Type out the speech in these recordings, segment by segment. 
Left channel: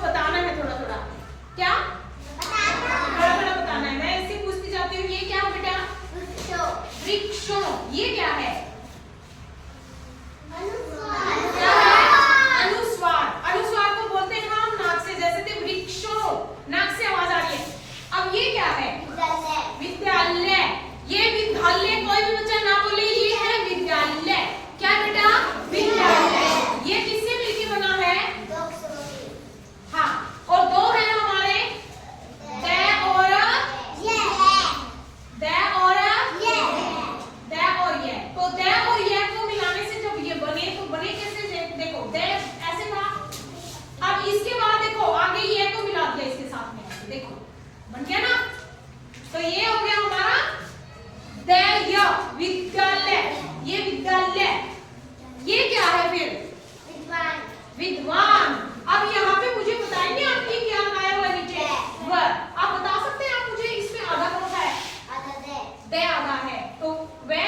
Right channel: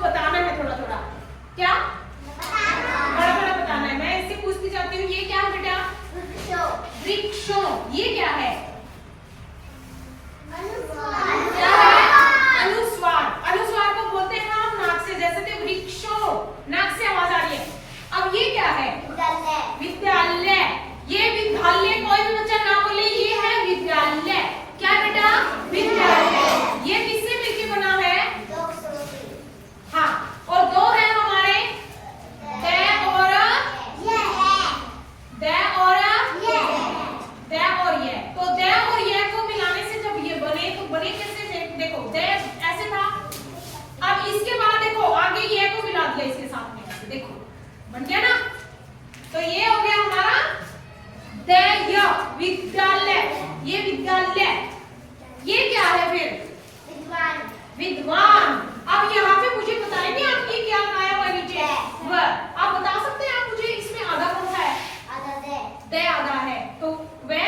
बताना है थोड़ा थोड़ा। क्या थोड़ा थोड़ा बताना है। मैं इससे पूछती जाती हूँ, ये क्या है बेटा? वृक्षों। ये क्या है? क्या है? अनुस्वार। अनुस्वार को बोलते हैं हम नाक से, जैसे कि वृक्षों, नाक से आवाज आ रही है। अब ये क्या है? विद्यालय। ये विद्यालय, कोई भी बच्चा ना बोले ये है विद्यालय। क्या बेटा? विद्यालय। ये किससे मिलकर बना है? हाँ, और दो है हमारे द और ये। तो द और ये को मिलाने से जब ये बने तो बने कैसे? देखो द ऐसे था, अब इसके बाद देखो आगे ये को मिला दिया इसके साथ में, ऐसे देखो बन गया ना। तो ये हो गया हमारा विद्यालय। ये विद्यालय। ये क्या है फिर? विद्वान। अब यहाँ पे मुझे बताएंगे आप ये क्या लगाया हुआ है नीचे? आप बता सकते हैं आप मुझे इसमें आधा कौन सा है? दे आधा है, तो वह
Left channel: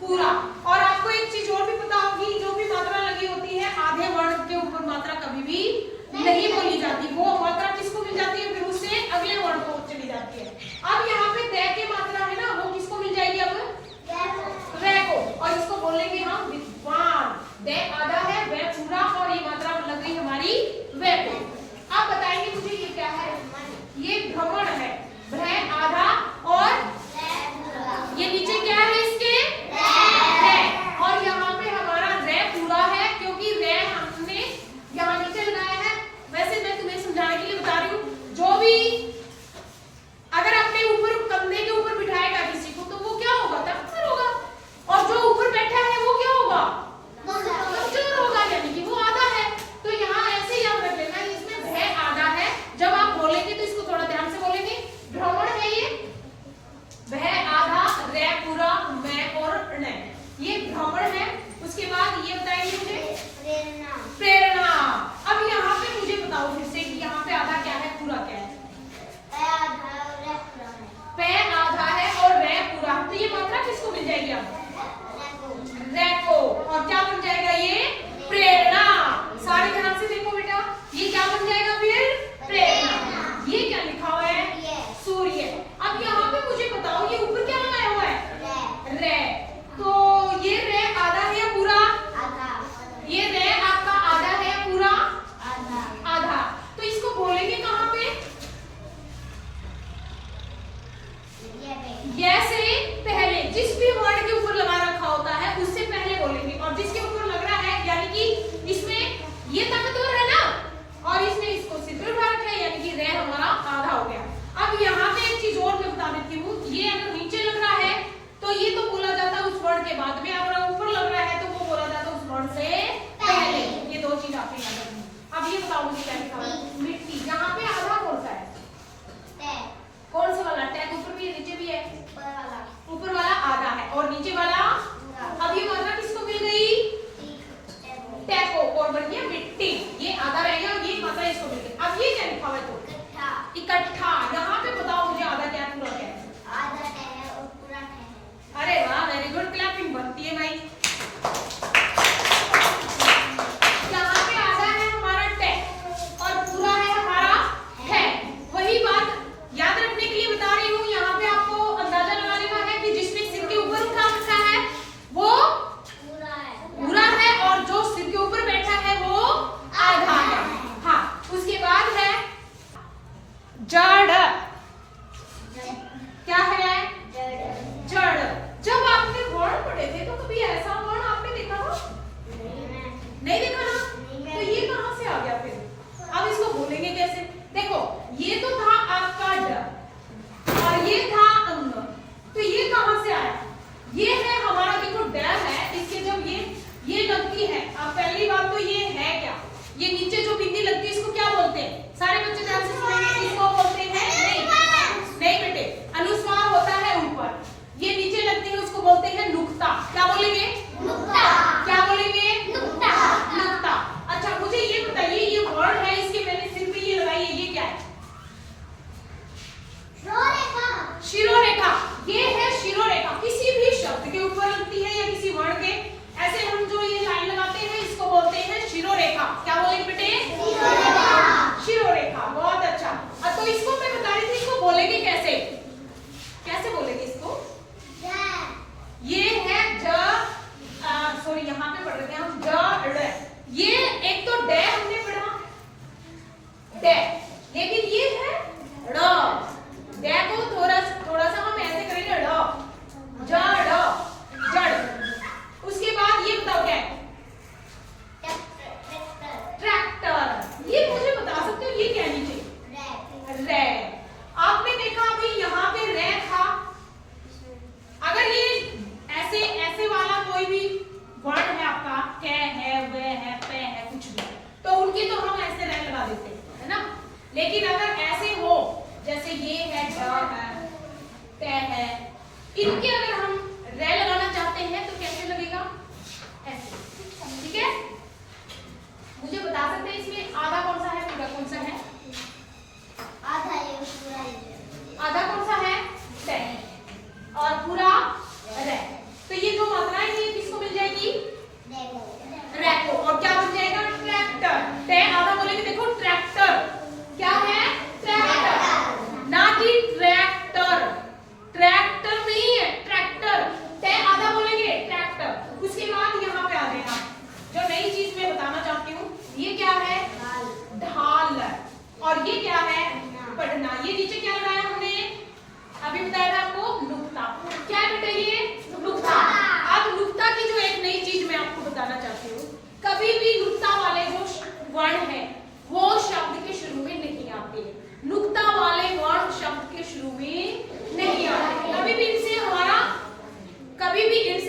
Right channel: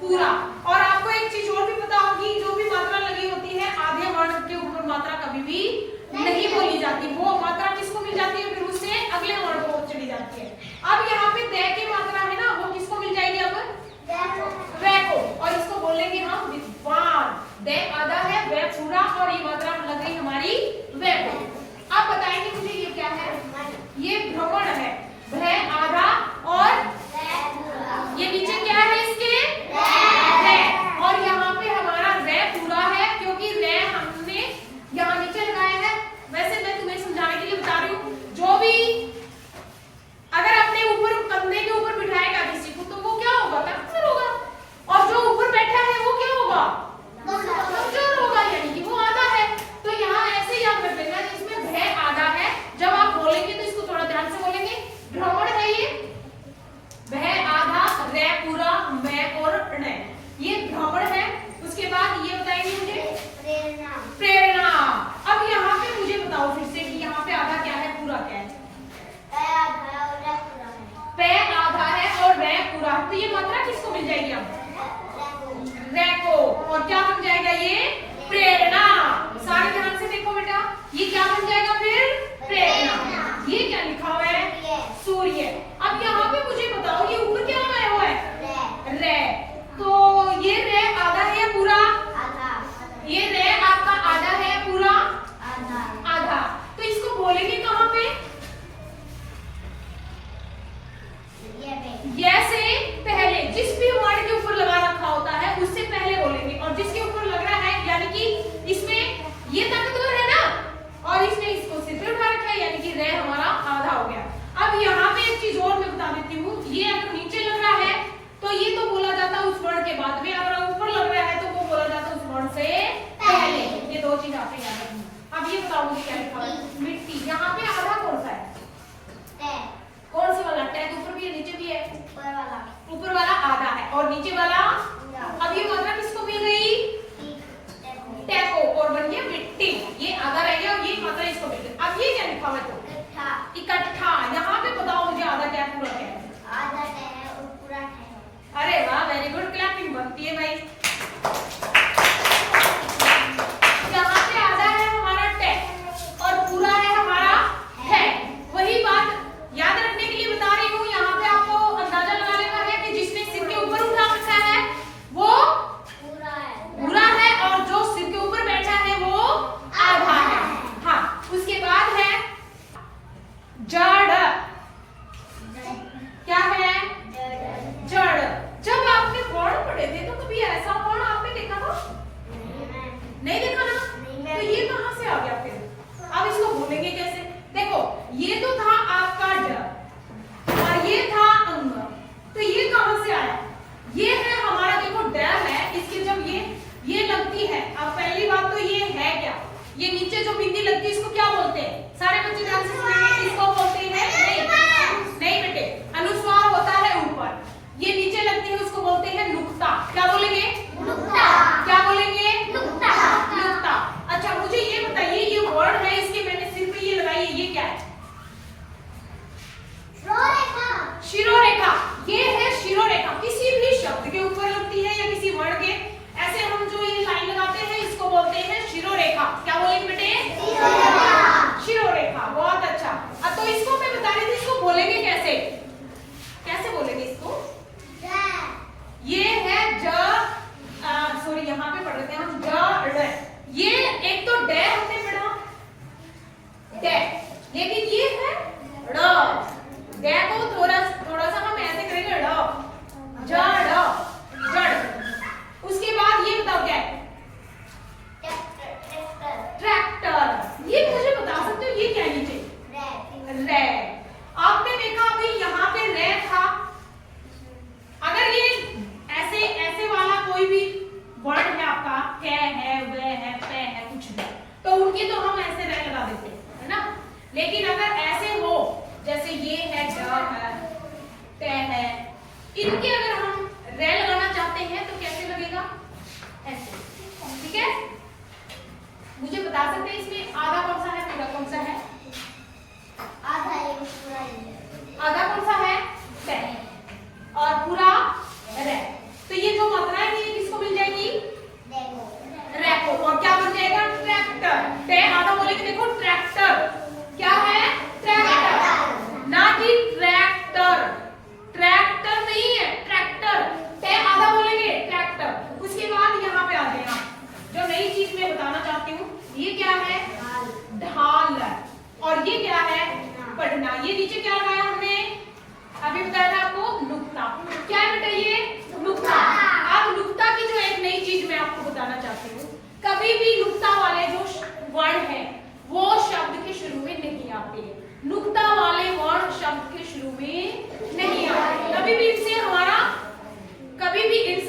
पूरा। और आपको एक चीज और भी पता होगी, जो भी मात्रा लगी होती है आधे वर्ण के ऊपर मात्रा कभी भी नहीं बोली जाती, वो मात्रा किसको मिल जाती है? फिर उससे अगले वर्ण को चली जाती है। अब यहाँ पे दे की मात्रा है ना, वो किसको मिल जाएगी? अब वे को, और इसको बोलेंगे हम विद्वान। दे आधा है, वे पूरा, और ये मात्रा लग रही हमारी वे को। आप बताएंगे मुझे ये क्या है? ये भ्रमण है। भ्रह आधा और ये नीचे क्या है इसके? है। और यहाँ पे हमारा रे पूरा है, क्योंकि रे हमने यहाँ नीचे लगाया है। वैसे मैं तुम्हें समझाने के लिए बता रही हूँ, जो भी अगर अपने ऊपर कंधे के ऊपर बिठाएगा किसी को तो वो क्या होगा? ताकतवर होगा। और जो ऊपर बैठा है वो क्या होगा? कमजोर होगा, यानी कि वो आधा है। तो यहाँ ऐसे याद रख लेना, इसमें भय आधा है। जब आप बोलेंगे तो इसको थोड़ा ध्यान से बोलेंगे। भ्रमण है ये, भय आधा, रे पूरा, मैं और ण, ये भ्रमण है। उसके बाद ये बताएंगे मुझे प्रेरणा। अब यहाँ पे मुझे बताओ फिर से कि यहाँ पे आधा क्या है, पूरा क्या है? पे आधा है और वह पूरा है, तो ये मात्रा किसको मिल जाएगी? अब रे को। और क्या बन जाएगा? ये प्रेरणा। सारे ध्यान से देखो बेटा, ये क्या बन जाएगा फिर? प्रेरणा। ये क्या लिखा हुआ है? सूर्य। अब यहाँ पे मुझे बताओ, ये ऊपर क्या बनाया हुआ है? रे। तो ये रे आधा है या पूरा? ये रे आपका आधा है या पूरा? आधा। तो इसको बोलेंगे कहाँ पे? ये से पहले, जिस भी वर्ड के ऊपर लगा रखा होता है उससे पहले बोलेंगे। और जिसके ऊपर लग रहा है, यानी कि इसमें ये ताकतवर है ना, और इसने इसको सिर पे उठा रखा है, यानी कि रे हमारा आधा हो गया। अब यहाँ पे एक चीज और मैं बता देती हूँ, ये अगर नीचे लग रहा है तो ये तो बोला जाता है उस वर्ण के बाद में, अगर ऊपर लग रहा है तो वो बोला जाता है उस वर्ण से पहले। ये दो चीज आपको याद रखनी। अब ये बताओ मुझे क्या लिखा है? मिट्टी। यहाँ पे आधा कौन सा है? कौन सा वाला? टैग ऊपर भी है नीचे भी है? ऊपर वाला आधा है और नीचे वाला। अब ये मात्रा किसको मिल गई? टैग को, और बन गया मिट्टी। ये आधा रह गया और ये मात्रा इसको मिल गई। अब ये क्या लिखा हुआ है? तो इकट्ठा। यहाँ पे बताओ मुझे आधा क्या पूरा क्या है? आधा है और पूरा है। अरे वाह, वेरी गुड, क्लैपिंग बनती है भाई। यहाँ पे आधा है हमारा टैग और पूरा है हमारा है। कै है, वे है, पे है, कुछ भी, तो उनकी तो हम ऐसे रह लगा देते हैं, है ना। लेकिन अगर ऐसे हो जैसे ये है, ड है, ते है, इनके अगर हम रे लगाना चाहते हैं तो कैसे लगेगा, ऐसे, ठीक है। मुझे बता सकते हैं इसमें आधा कौन सा है, पूरा कौन सा है? आधा ये पूरा ये। आधा कौन सा है, ते, और पूरा रे। तो ये जो मात्राएं हैं ये किसको मिल जाएगी, देखो रे को, और क्या बन जाएगा, ट्रैक्टर। ते आधा बोलेंगे, देखो ट्रैक्टर, क्या है, ट्रैक्टर, ना कि ट्रैक्टर, ट्रैक्टर नहीं है, ट्रैक्टर। ते आधा बोलेंगे, ट्रैक्टर। उसके बाद यहाँ पे आ गए आप, जो नई चीज मैं बताना चाहती हूँ, ये क्या है, ढाल, और ये क्या है, पढ़ना। ये नीचे क्या लगाया हमने, अभी बताया था आपको, नुक्ता। क्या बेटा ये, नुक्ता। अब नुक्ता की जो एक नई चीज मैं आपको बताना चाहती हूँ, कभी भी नुक्ता वाले जो वर्ण है वो शब्द के शुरू में नहीं आते, नुक्ता वाले वर्ण शब्द के शुरू में नहीं आते, कभी भी इनसे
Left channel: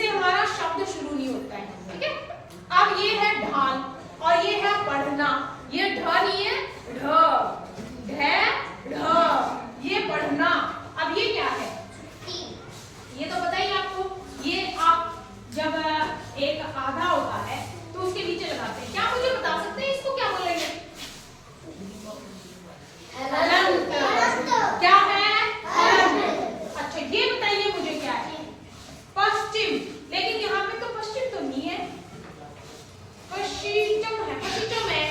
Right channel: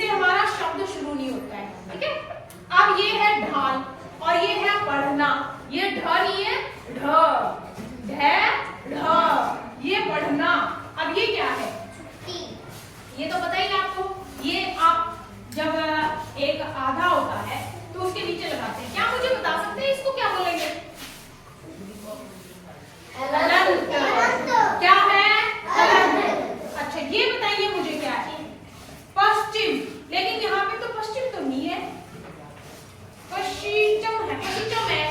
हमारा शब्द शुरू नहीं होता है, ठीक है। अब ये है ढाल और ये है पढ़ना, ये ढ नहीं है, ढ, ढ, ये पढ़ना। अब ये क्या है, ये तो पता ही आपको, ये आप जब एक आधा होता है तो उसके नीचे लगाते हैं। क्या मुझे बता सकते हैं इसको क्या बोलेंगे, हलंत। क्या है, हलंत। अच्छा ये बताइए मुझे क्या है, पश्चिम। लेकिन यहाँ पे तो पश्चिम तो नहीं है, पश्चिम है, पश्चिम है।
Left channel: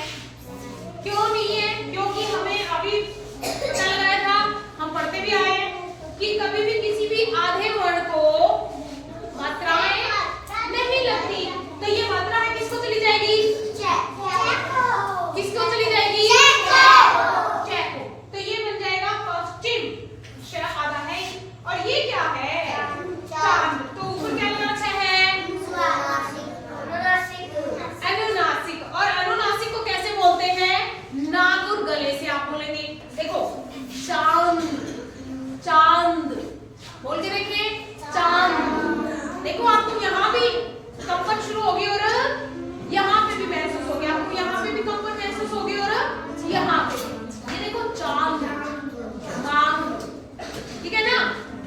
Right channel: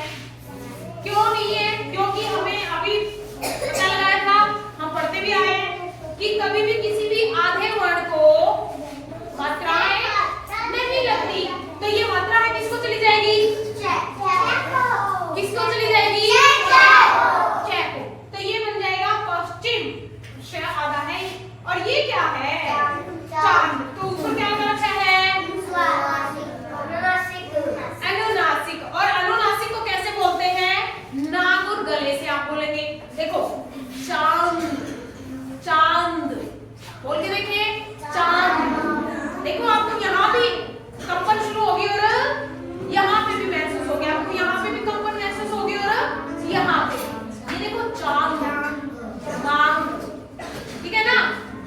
क्यों नहीं है, क्योंकि हमें अभी पता लगाया था, हम पढ़ते भी आए कि कभी भी किसी भी आधे वर्ण को मात्राएं नहीं लगती, तो ये मात्रा है किसको चली जाएगी, किसको चली जाएगी, चे को। तो ये बन जाएगा पश्चिम, श आधा है, और ये क्या है, चांद। तो ऊपर क्या लगा है, अनुनासिक। और अनुनासिक को कैसे बोलते हैं, नाक और गले से आप बोलेंगे। देखो चांद, चांद बोल के देखिए, चांद। देखो आपको यहाँ भी कंपन शुरू होगी और यहाँ पे भी महसूस होगी, आपको यहाँ पे भी कंपन महसूस होगी और यहाँ पे भी। ये देखो चांद, चांद, ठीक है ना।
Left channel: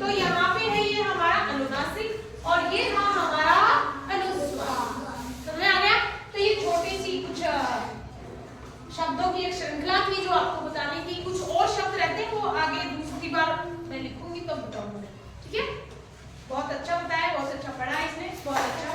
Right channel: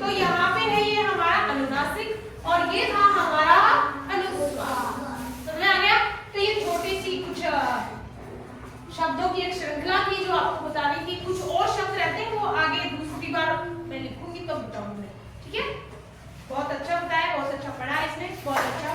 तो यहाँ पे है ये हमारा अनुनासिक और ये था हमारा अनुस्वार। समझ आ गया। तो ये छोटी सी कुछ शब्दों की एक श्रृंखला थी जो आपको बताने की। कुछ और शब्द रहते हैं वो आगे दूसरी बार मैं लिखूंगी तब बताऊंगी, ठीक है। बहुत अच्छा बताया, बहुत अच्छा पढ़ा इसने, बहुत अच्छा।